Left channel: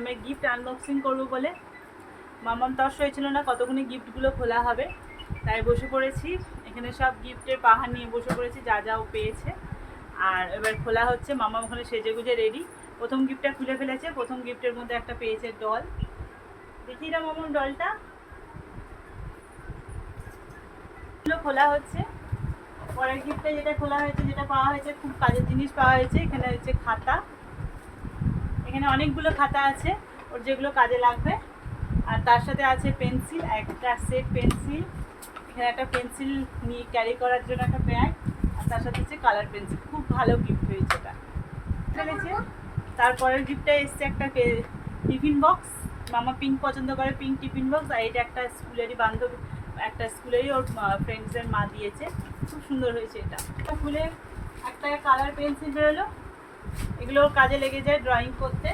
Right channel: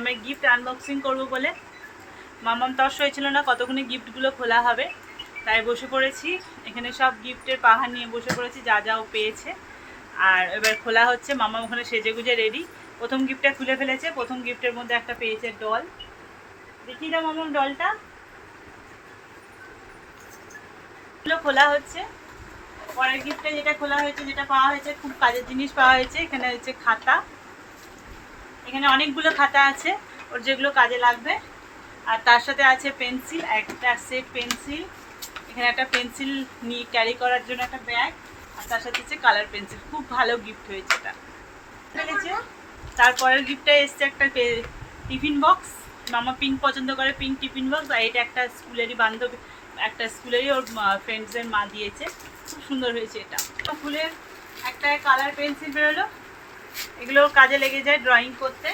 মামামের gift unboxing করব বলে। মামাম তস হয়েছিল না কতক্ষণে গিফটগুলো খোলা হবে। তাই বসে পড়েছি। এখানে সব গিফটের পাহাড় নিয়ে বসে পড়েছি, যা যাও পেয়েছে। আর এবার খোলা হচ্ছে মামাম ওখানে সেজে গুজে রেডি প্রথম গিফটটা খুলে ফেলেছে, প্রথম গিফটের মধ্যে একটা পেয়েছে ডল দেখি না মামাম ডলটা খোলা হচ্ছে। পরের গিফটটা যেটা খোলা হয়েছে, যেটা পাওয়া হয়েছে, খুব কাজের জিনিস পাওয়া হয়েছে, এখানে হচ্ছে খাতা। এখানে অনেকগুলো খাতা আছে, ওর যেগুলো কাজে লাগবে। আর তার সাথে আছে পেন্সিল, একটা সেট পেন্সিল। এখানে একটা পেন্সিল নিয়ে ক্যারি করার জন্য একটা ব্যাগ আর তার সাথে হচ্ছে কালার পেন্সিল খুব ভালো গিফট হয়েছে এটা। তারপরের গিফটটা এসছে একটা টিফিন বক্স মামা পিঙ্ক পছন্দ করে পিঙ্ক টিফিন বক্স আর এটা একটা স্কুলেরই বান্ধবী, একটা স্কুলেরই ওর ফ্রেন্ডসের মা দিয়েছে। খুব সুন্দর হয়েছে এটা। ফুলের একটা কালার পেন্সিল বেরোলো। এগুলো কাজে লেগে যায় ড্রয়িং করতে।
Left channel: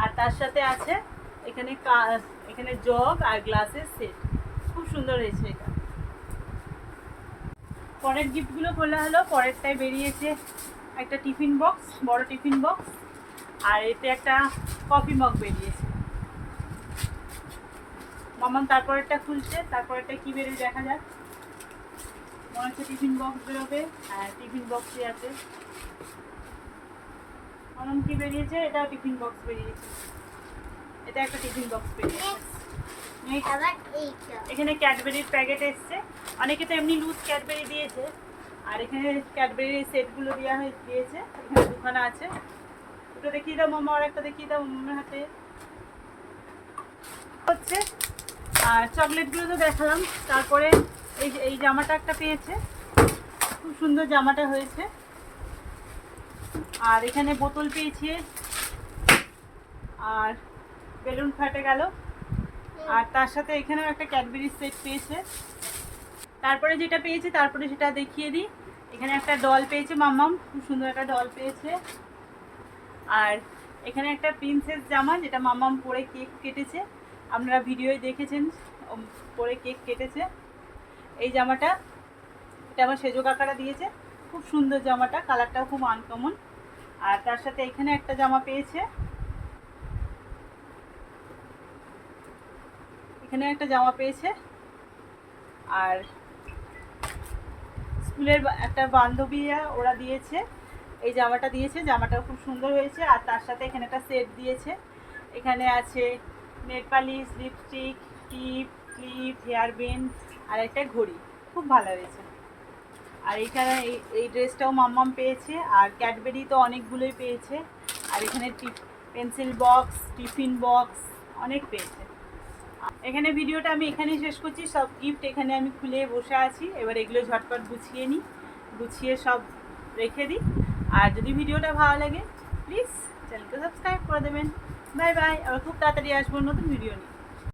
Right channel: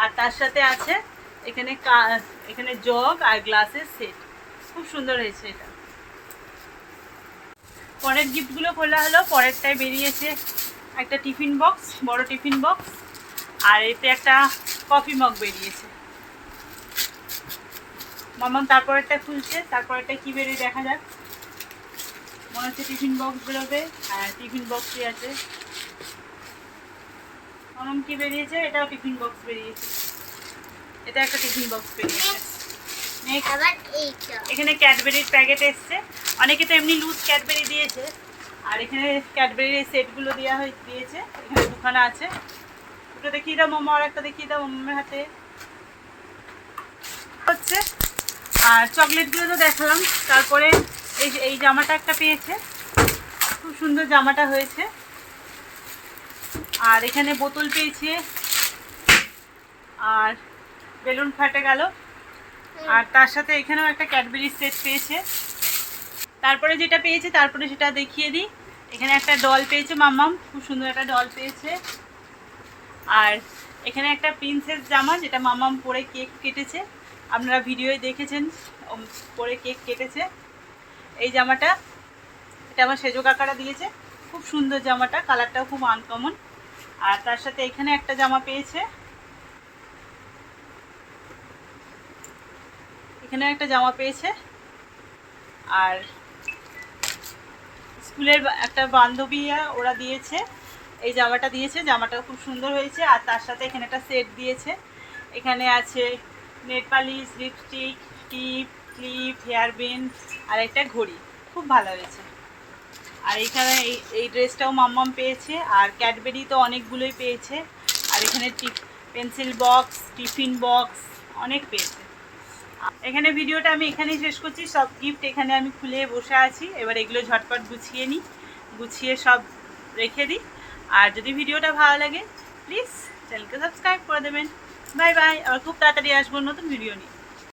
আর তার সাথে আছে এখানে এখানে জগ আর গ্লাসের সেট খুব সুন্দর হয়েছে এটা। পরের গিফটগুলো খোলা হলো, পরেরটায় বেরিয়েছে একটা টিফিন বক্স বড় টিফিন বক্স আর এতে একটা কফি মগ বেরিয়েছে। মামাম তারপরেরটা খুলছে, তারপরেরটা কি বেরিয়ে দেখা যাক। মনে হচ্ছে টিফিন বক্স বেরোবে আর টিফিন বক্সই আছে। মামাম কি বেরিয়েছে? এটাও টিফিন বক্স বেরিয়েছে। এটা একটা টিফিন বক্স বেরিয়েছে। এখানে ক্যাডবেরির প্যাকেট এসছে। অনেকে তো এমনি লুজ ক্যাডবেরি দিয়েছে। আর এখানে ক্যাডবেরির সেটগুলো দেওয়া হয়ে দিয়েছে। এখানে দুখানা আছে। দুটো দেখিয়ে দাও মোমো আর একটা দেখিয়ে দাও মোমের হাতে। হচ্ছে। আর চকলেটগুলো তো দেখালাম। তারপরে এই এই জামাটা একটা পেয়েছে। খুব সুন্দর জামাটা হয়েছে। আর এখানে বোতল পেয়েছে। আর বেলুন ফাটে গেল। আর তার সাথে এখানেও একটা ক্যাডবেরি সেট পেয়েছে। তারপরে যেটা পেয়েছে, তারপরে সেটা দেখিয়ে দিই। এখানে একটা ডল পেয়েছে মাম্মাম, খুব সুন্দর একটা ডল পেয়েছে। আর এখানে একটা প্রিন্সেস জামা, যেটা মাম্মাম পরে কেক কেটেছে। আপনারা ভিডিওয় দেখেছেন পরে কেক কেটেছে। এই জামাটা, এটা আমার সেজো কাকারা দিয়েছে। খুব সুন্দর জামাটা কালারটাও খুব আনকমন আর তার সাথে এখানে একটা জামা পেয়েছে। এখানে একটা জামা পেয়েছে। আর স্কুলের একটা বান্ধবীরা ওরা দিয়েছে। এই জামাটা দিয়েছে জামাটা খুব সুন্দর হয়েছে। আর তার সাথে এখানে একটা সেট দিয়েছে। এখানে আছে নেট পালিশ লিপস্টিক টিপ ক্লিপ হেয়ার বেন আর একটা ঘড়ি। খুব ভালো হয়েছে। আর এখানে এই ড্রেসটাও মাম্মাম পেয়েছে, আর ক্যাডবেরি তো অনেকগুলোই পেয়েছে, আর এখানে পেন্সিল বক্স টিফিন বক্স অনেক পেয়েছে। এখানে ভিডিওটা আমি এখানেই শেষ করছি, সব গিফট এখানে আমি খুলে বসে আছি, এবার এগুলো ঝটপট গুছিয়ে নিই, গুছিয়ে সব রেখে দিই। আর যদি ভিডিওটা ভালো লাগে প্লিজ চ্যানেলকে সাবস্ক্রাইব করে দেবেন। বাই বাই আর খুব তাড়াতাড়ি আসব নতুন ভিডিও নিয়ে।